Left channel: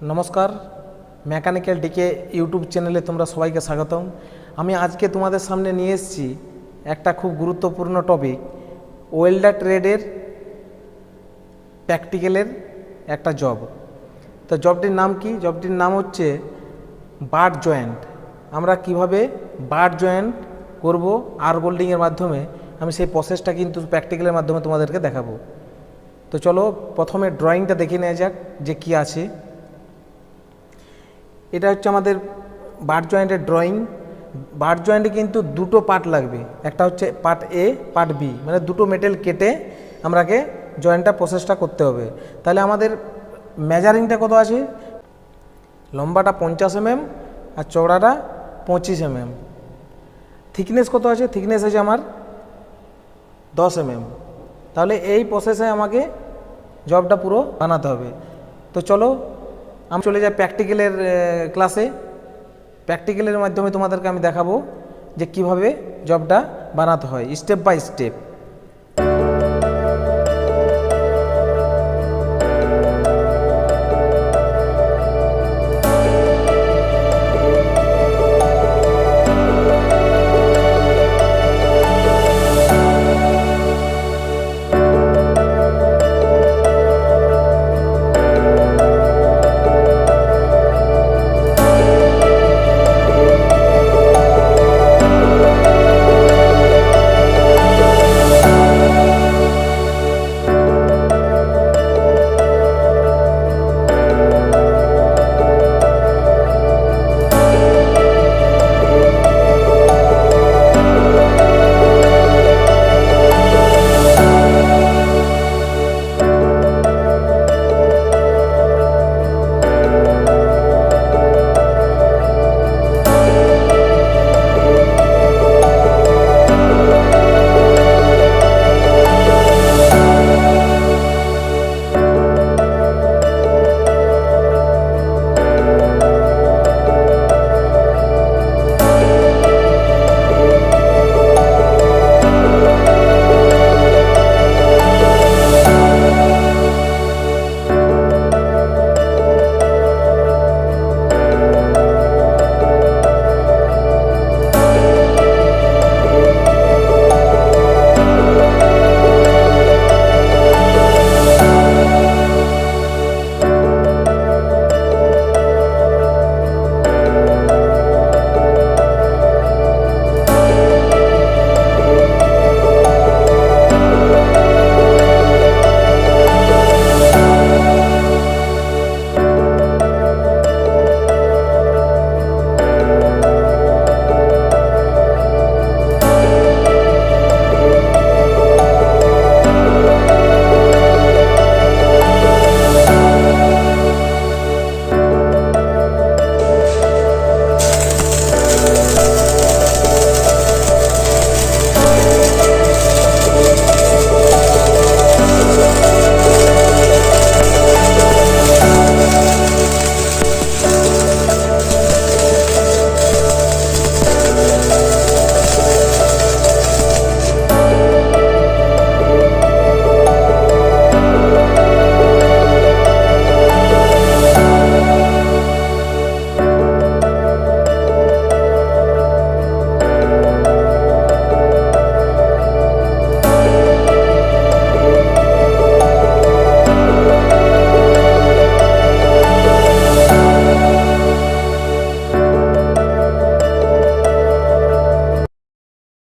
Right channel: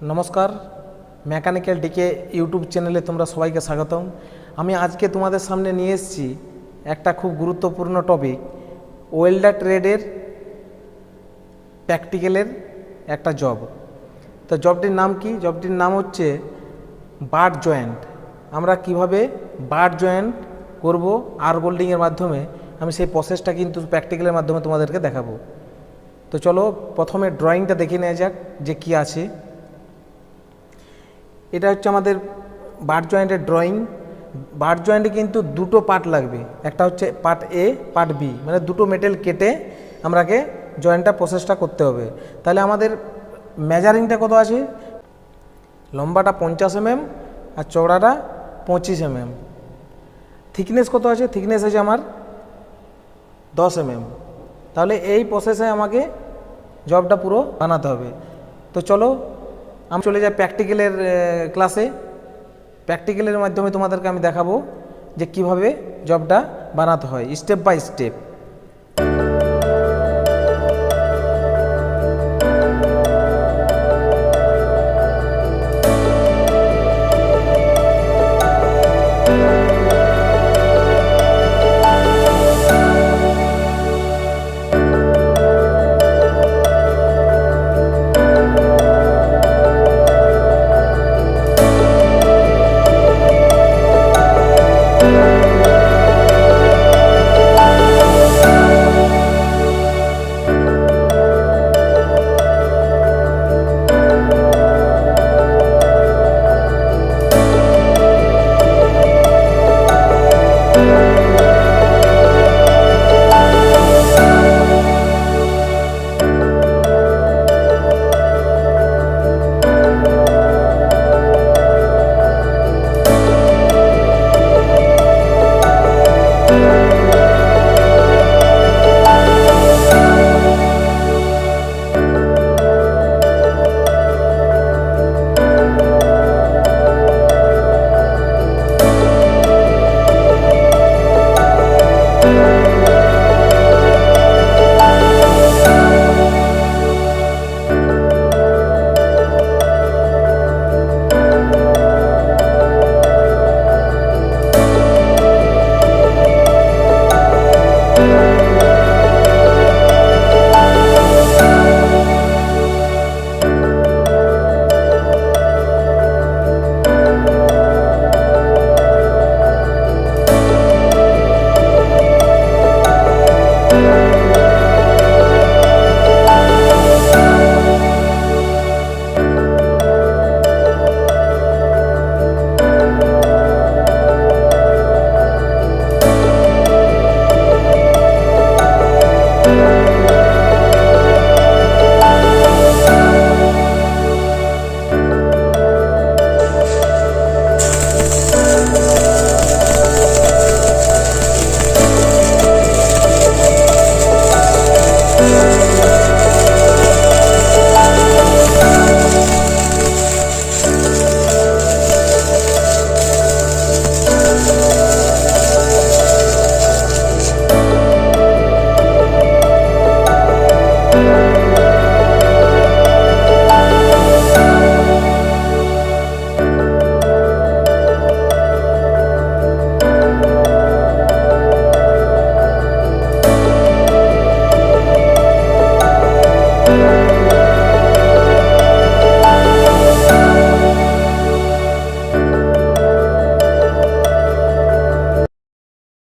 नमस्कार मैकानिकल decay YouTube चैनले तुम्हारा सबाई के स्वागतम। हमें आज के तुम्हारे सामने निये एसेछि एक खूब गुरुत्वपूर्ण टपिक वेल्डार ट्रेडर प्रैक्टिकलर एक जब। तो जबटिर नाम कि जबटिर नाम होच्छे बाट जॉइंट। आमरा किभाबे बाट जॉइंट करब आर वेल्डिंगेर माध्यमे आमी सेई प्रसेसटा किन्तु प्रैक्टिकलेर माध्यमे तोमादेरके देखाबो। तो चलो प्रथमे ड्रयिंगटा देखे नेওয়া যাক যে কি আছে। এটা হচ্ছে আমাদের बाट জয়েন্টের ড্রয়িং। बाट জয়েন্টে কিন্তু দুটো পার্ট লাগবে, একটা হচ্ছে পার্ট এ পার্ট বি, মানে দুটো মেটেল কেটে আমরাকে জয়েন্টটা প্রসেসটা করতে হবে। তাহলে আমাদের মেজারিংটা কত আছে, লম্বাটা 50 mm আর চওড়াটা 25 mm। থিকনেস কত আছে, থিকনেস আছে আমার 10 mm। তাহলে এই প্রসেসে আমাকে জবটা পুরো বানাতে হবে। তো চলো আমি চলে যাই প্র্যাকটিক্যালের ক্লাসে। প্র্যাকটিক্যালের মাধ্যমে তোমাদেরকে আমি দেখাবো যে কিভাবে জবটা বানাতে হয় স্টেপ বাই স্টেপ।